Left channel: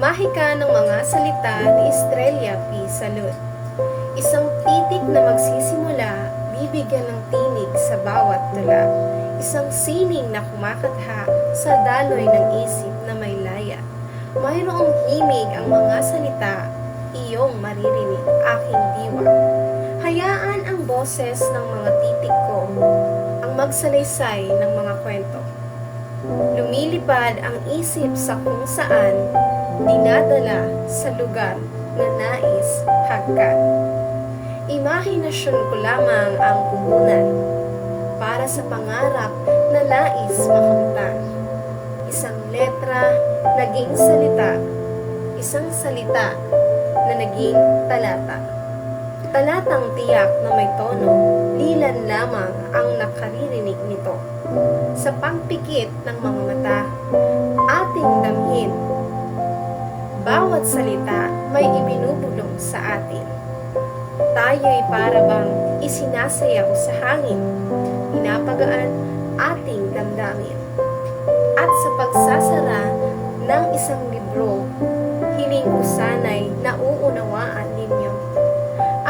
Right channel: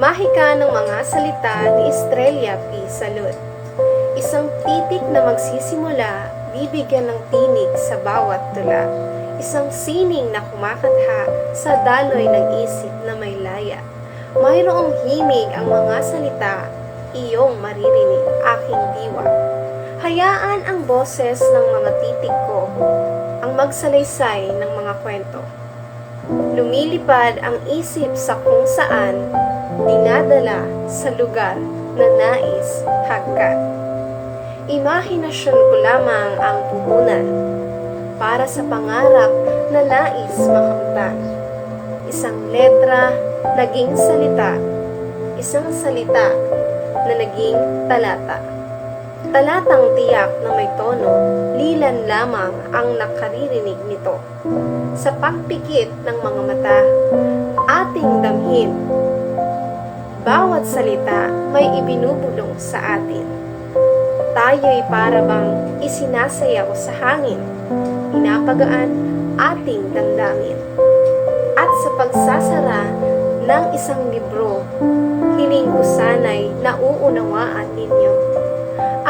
Mahika ng mga salita ni Estrella P. Salud. Isang titik na magsisimula, bibigyan ng tinig sa bawat tula. Isang sining na kumakatha sa daloy ng isip na may laya. Mayroong himig ang mga salita, iyong maririnig, aking diwa. Hayaan ang boses ng mga titik ko, ang magsalaysay ng mga kwento. Lumilipad ang isip sa kung saan, dinadala sa lugar na nais hagkan. Imahinasyon ko lamang ang puhunan para sa pangarap na nais makamtan. Isang letra, naging salita. Isang salita na naging talata. Talatang tiyak na may tono, lilan lamang ang nakaririnig nito. Sa pagpikit ng mga mata, ating damhin. Bawat salita may ibinubulong sa atin. Tayo'y para bang isinasayaw sa hangin, pinapagaan ating damdamin. At sa pagsasara ng isang libro, hiling ko sana'y nauunawaan ninyo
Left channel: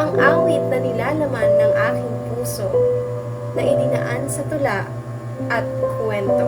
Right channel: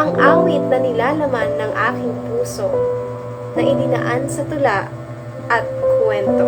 ang awit na nilalaman ng aking puso na idinaan sa tula at kwento.